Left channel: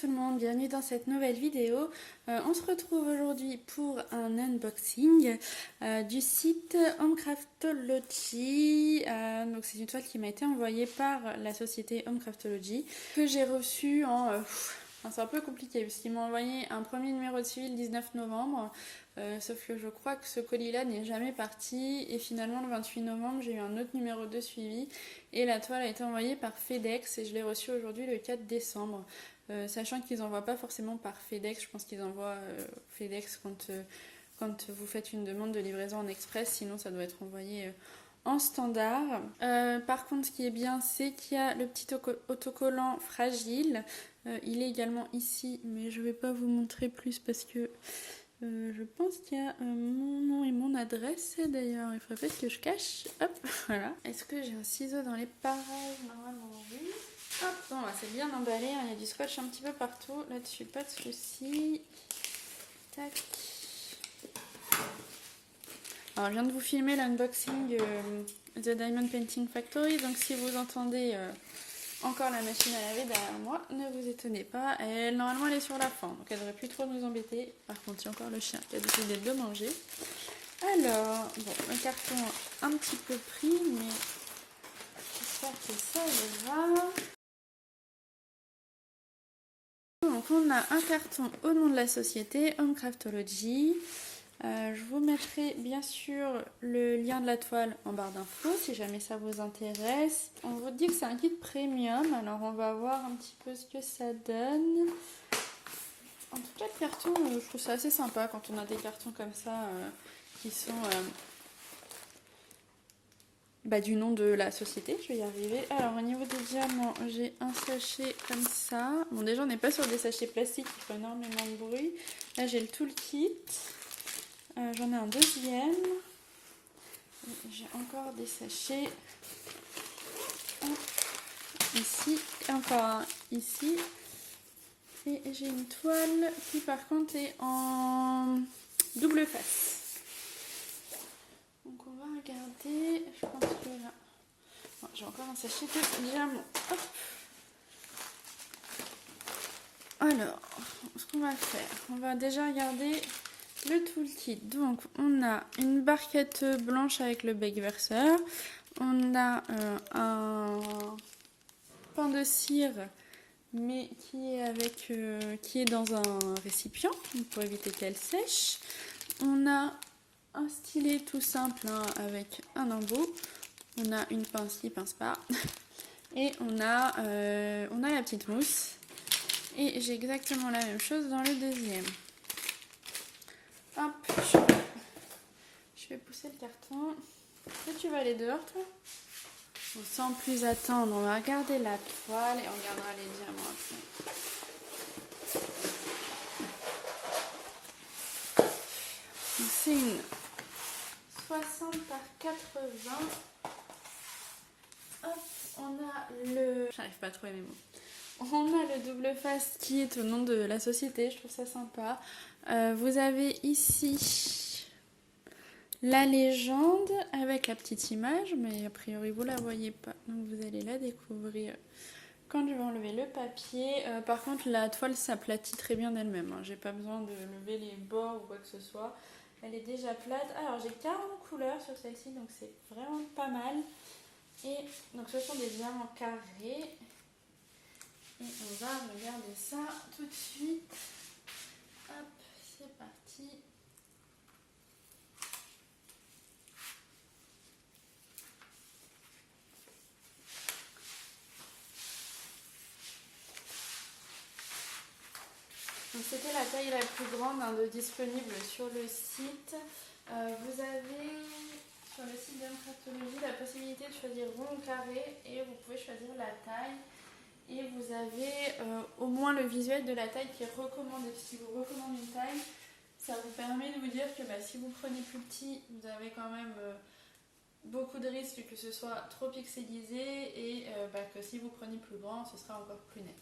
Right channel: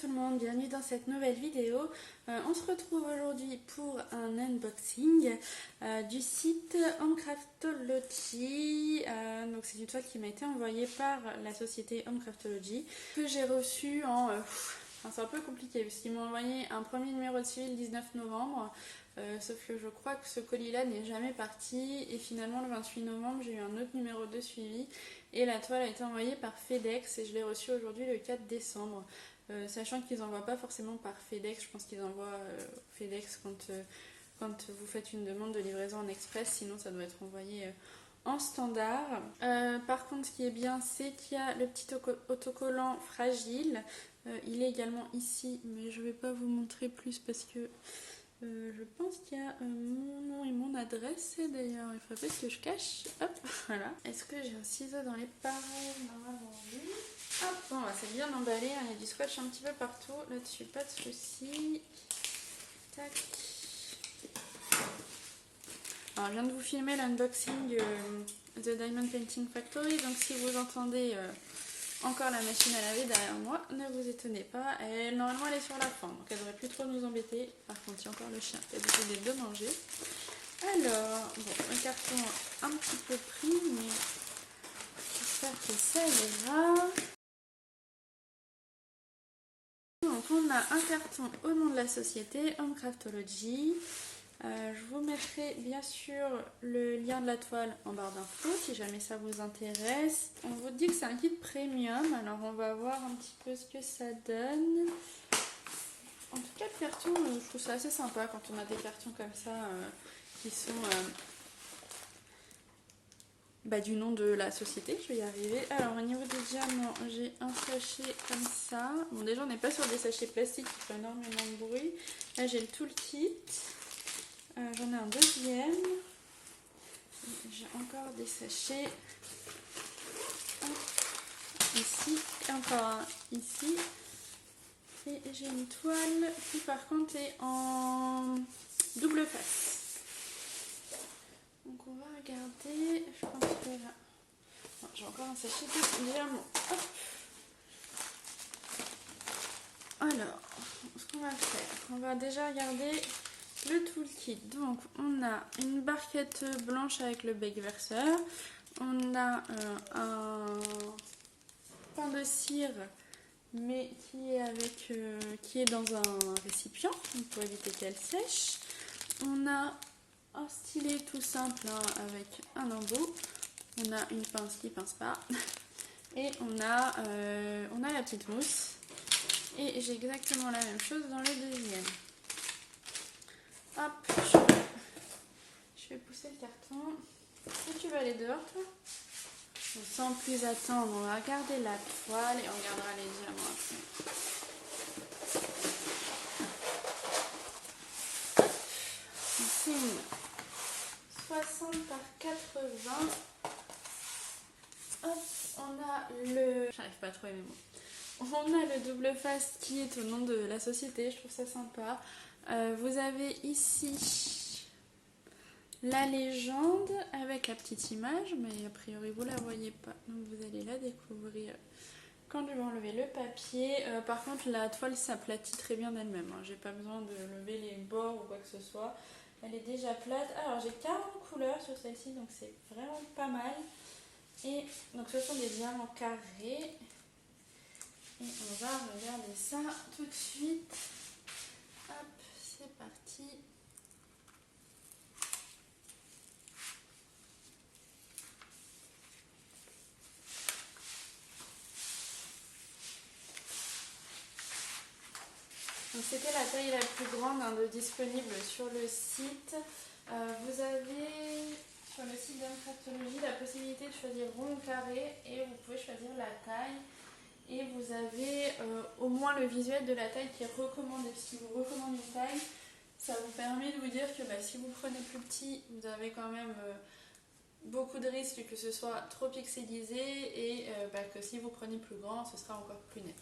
tout le monde, bienvenue dans cette nouvelle vidéo. On se retrouve aujourd'hui pour un unboxing du site Homecraftology. Donc c'est une toile qui m'a été envoyée par la société Homecraftology que j'ai reçue c'est un peu compliqué parce qu'ils m'ont envoyé un premier numéro de suivi le 19 novembre. Sauf que je crois que ce colis-là n'est jamais parti et finalement le 28 novembre j'ai eu un autre numéro de suivi et la toile a été envoyée par FedEx et je l'ai reçue aujourd'hui le 4 décembre. Sachant qu'ils n'envoient pas forcément par FedEx, je pense qu'ils envoient FedEx quand vous faites une demande de livraison en express, sinon ça doit être envoyé en standard. Par contre ce qui est bien c'est qu'il y a le petit autocollant fragile. Il est également ici mais je ne vais pas vous montrer plus parce que je pense qu'il y a mon nom et mon adresse d'ailleurs, il faudrait peut-être que je cache. Hop, voilà. Est-ce que j'ai un ciseau dans les pareils? Normalement oui. Hop, bon, c'est bien emballé, hein. Il y a du scotch un petit peu partout, là-dessus pas de soucis. Tac. Alors je viens de vous filmer l'unboxing The Diamond Painting Factory, donc si vous entendez encore la machine à laver derrière moi, ne vous étonnez pas, normalement elle est sur la fin, donc elle devrait plus trop nous embêter. Par contre, il y a encore le chien qui a décidé de manger. Alors, bon, le carton un petit peu pris, mais j'espère que ça ira. Donc on a un carton au nom de la société Homecraftology. Je vous mettrai bien sûr le lien de la toile en barre d'infos si jamais ça vous intéresse. On vous dit que c'est un kit premium, alors on va voir un petit peu ce que ça donne. En tout cas, le carton, je trouve ça assez sympa quand on a des cartons comme ça qui sont du nom de la société. Je vais y arriver. Alors au niveau des diamants, j'ai un sachet comme ça. Bon, déjà on n'est pas sur des sachets plastiques qui font énormément de bruit. Là j'ai le toolkit. J'en ai un deuxième. J'ai encore des sachets. Ici, encore un ici. Et j'ai une toile qui par contre est en double face. Donc on va regarder. Je pense que là... Non, j'ai encore un sachet de diamants. Hop. Alors, ce qu'on va faire, on va déjà regarder le toolkit. Donc on a une barquette blanche avec le bec verseur, on a un pain de cire mais qui est dans un récipient pour éviter qu'elle sèche. On a un stylet tout simple avec un embout, on a une pince qui pince pas et on a la petite mousse et j'ai exactement la même chose dans le deuxième. Hop, je vais pousser le carton. Est-ce que tu vas aller dehors, toi? Donc, sans plus attendre, on va regarder la toile et on regardera les diamants après. C'est une 60 par 80. Hop, on a le... J'arrive pas à trouver mes mots. On a le double face qui est au nom de la société, je trouve ça sympa. Vous avez ici la légende avec la petite image, mais a priori vous la voyez pas, donc vous allez la découvrir quand je vais enlever le papier. Par contre la toile s'aplatit très bien d'elle-même, hein. J'ai pas besoin de lever les bords ou quoi que ce soit, elle est déjà plate. Alors j'ai 40 couleurs sur celle-ci, donc c'est vraiment pas mal. Et donc ce sont des diamants carrés. Et on va regarder ça tout de suite. Hop, c'est parti. C'était la taille la plus grande de disponible sur le site. Vous avez sur le site d'Homecraftology la possibilité de choisir rond ou carré et vous pouvez choisir la taille. Et vous avez au moins le visuel de la taille qui est recommandé. Si vous recommandez une taille, ça vous permet de vous dire que si vous prenez plus petit, vous avez quand même beaucoup de risques que ce soit trop pixelisé et que si vous prenez plus grand, ce sera encore plus net.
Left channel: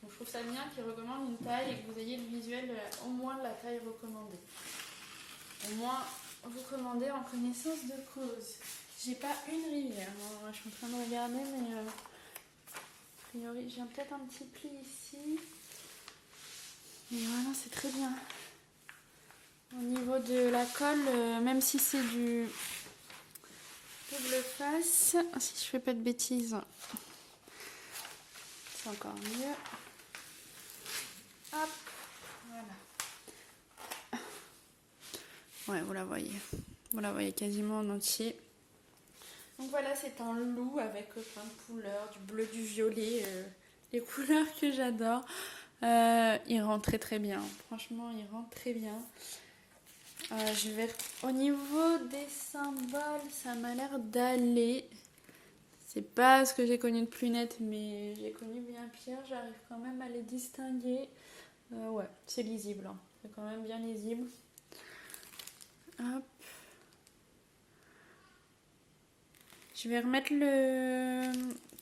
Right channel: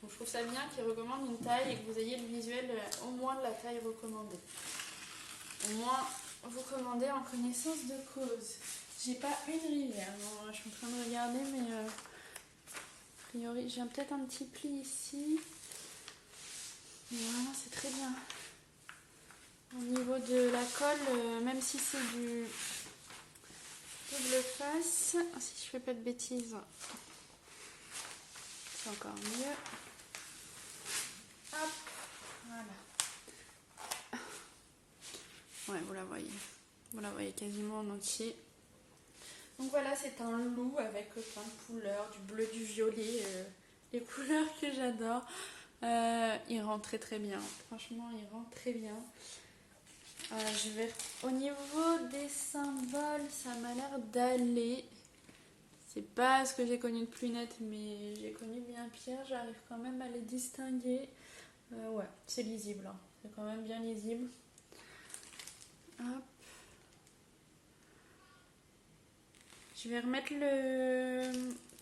Donc je trouve ça bien qu'ils recommandent une taille et que vous ayez le visuel au moins de la taille recommandée. Au moins, vous commandez en connaissance de cause. J'ai pas une rivière, hein. Je suis en train de regarder, mais a priori, j'ai peut-être un petit pli ici. Voilà, c'est très bien. Au niveau de la colle, même si c'est du double face, si je fais pas de bêtises, c'est encore mieux. Hop, voilà. Ouais, vous la voyez. Vous la voyez quasiment en entier. Donc voilà, c'est un loup avec plein de couleurs, du bleu, du violet, les couleurs que j'adore. Il rend très très bien. Franchement, il rend très bien. Au niveau des symboles, ça m'a l'air d'aller. C'est pas ce que j'ai connu de plus net, mais j'ai connu bien pire. J'arrive quand même à les distinguer. Ouais, c'est lisible. Hein. C'est quand même bien lisible. Hop. Je vais remettre le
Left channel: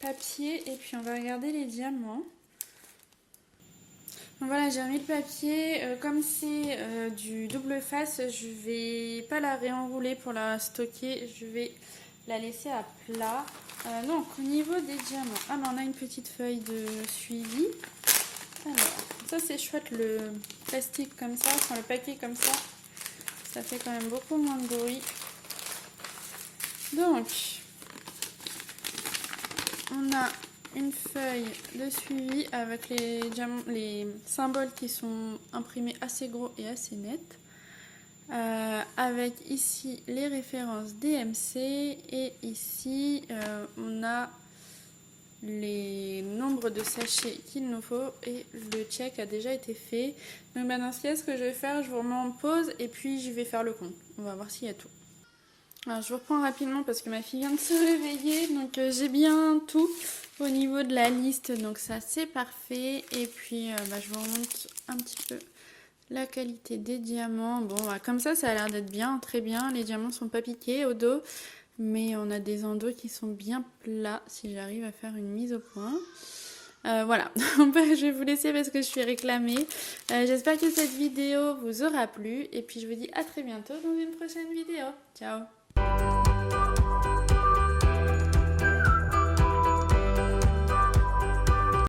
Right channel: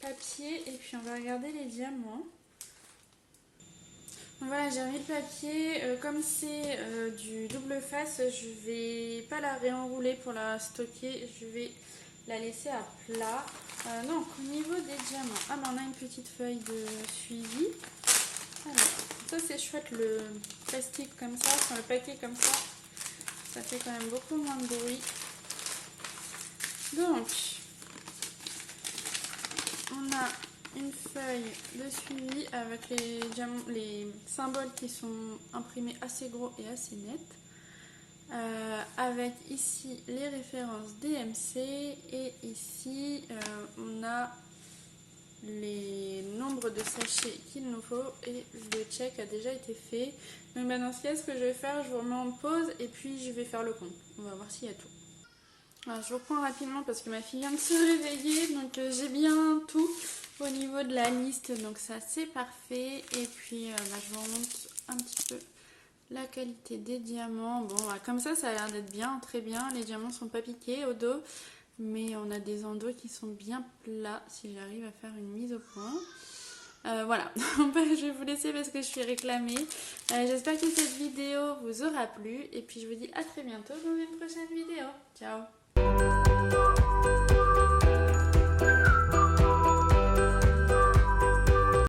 papier et puis on va regarder les diamants. Donc voilà, j'ai remis le papier. Comme c'est du double face, je vais pas la réenrouler pour la stocker. Je vais la laisser à plat. Donc au niveau des diamants, on a une petite feuille de suivi. Alors, ça c'est chouette, le plastique comme ça, enfin le papier comme ça fait quand même beaucoup moins de bruit. Donc, on a une feuille de suivi avec les symboles qui sont imprimés assez gros et assez nets. Avec ici les références DMC et ici on a les nombres de sachets qu'il nous faut et le check a déjà été fait. Donc bah, dans ce cas, ce que je vais faire, je vous remets en pause et puis je vais faire le compte. On va voir s'il y a tout. Alors je vous reprends rapidement parce que ma fille vient de se réveiller, donc j'ai bien tout au niveau de la liste, donc ça c'est parfait. Et puis je vous remonte un petit peu la qualité des diamants. Bon, comme ça a l'air d'être bien, très bien. Les diamants sont pas piqués au dos, mais on a des endos qui sont bien plats si j'arrive à faire une mise au point. Voilà, je vais vous laisser parce que je suis réclamée. J'espère que cette vidéo vous aura plu et puis je vous dis à très bientôt dans une prochaine vidéo. Ciao!